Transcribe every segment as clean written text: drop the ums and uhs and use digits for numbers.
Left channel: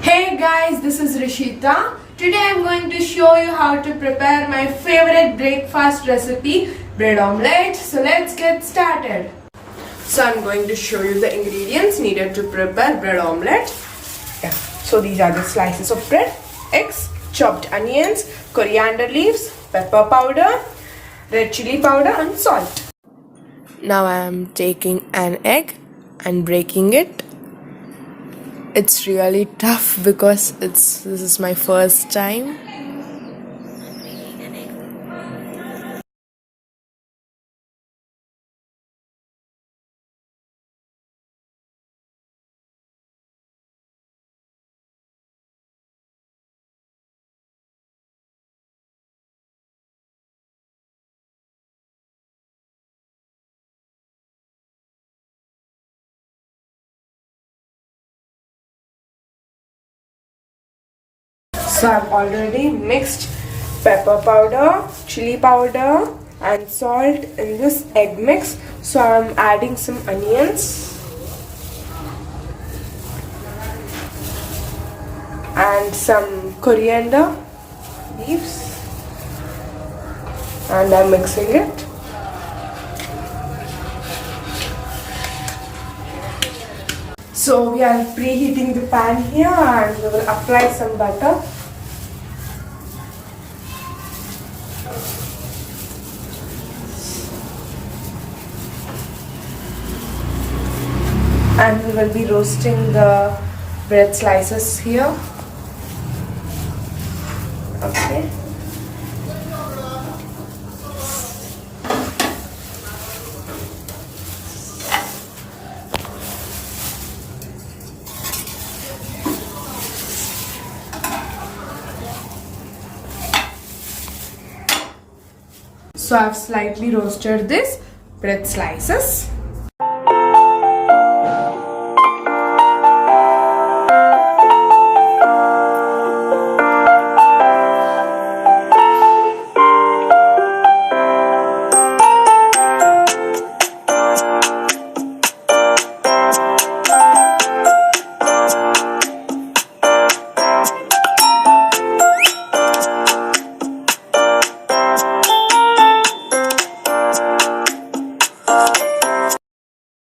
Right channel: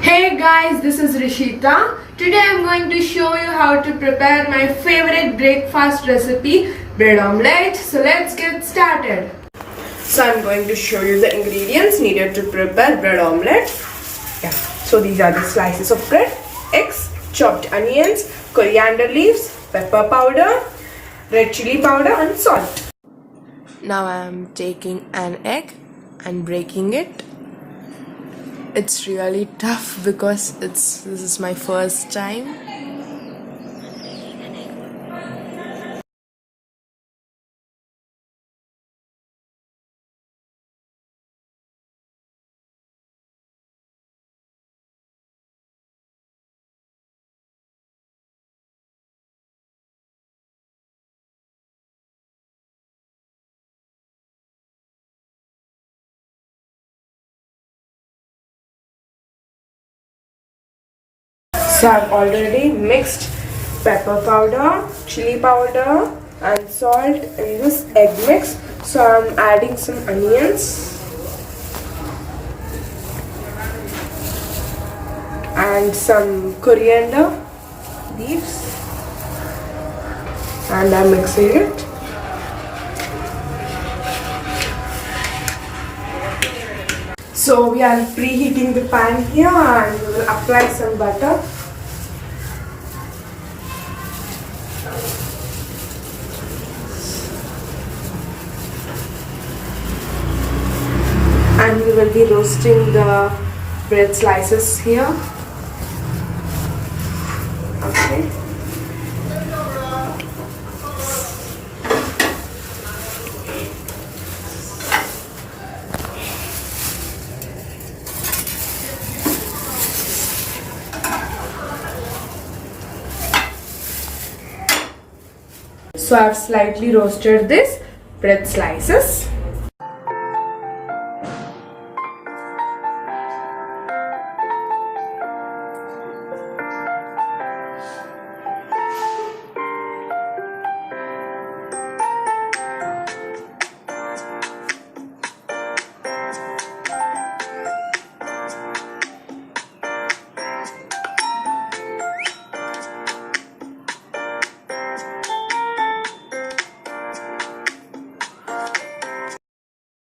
Hey guys, this is Rishitha. Today I'm going to show you how to prepare my favorite breakfast recipe, bread omelette. So let's get started. So I'm going to show you the ingredients needed to prepare bread omelette. Yeah. So these are the slices of bread, eggs, chopped onions, coriander leaves, pepper powder, red chili powder and salt. Now I am taking an egg and breaking it. It's really tough because this is my first time. So I've already mixed pepper powder, chili powder and salt in this egg mix. So I'm adding some onions and some coriander leaves and I'm mixing it. So we are preheating the pan here and we will apply some butter. And we will be roasting the bread slices here. Okay. So I've slightly roasted this bread slices.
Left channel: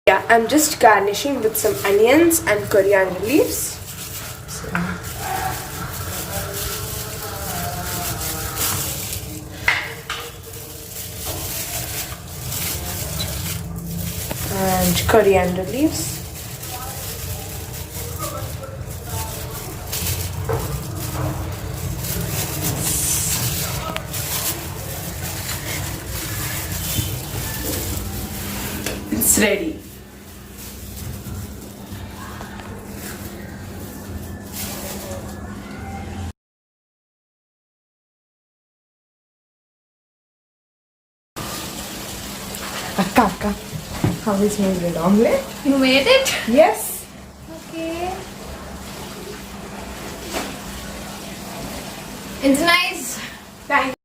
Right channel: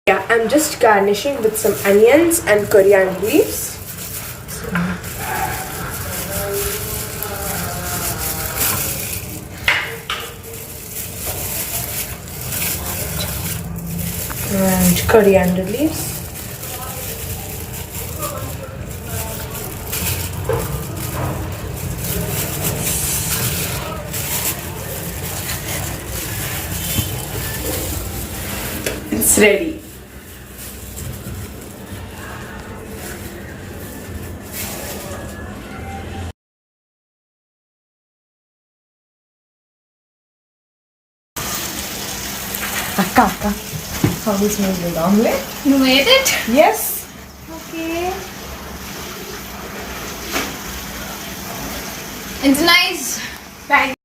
Yeah, I'm just garnishing with some onions and coriander leaves. And coriander leaves. It's ready. Akka, how is my bread omelette? You made it? Yes. Okay. It's nice. Thank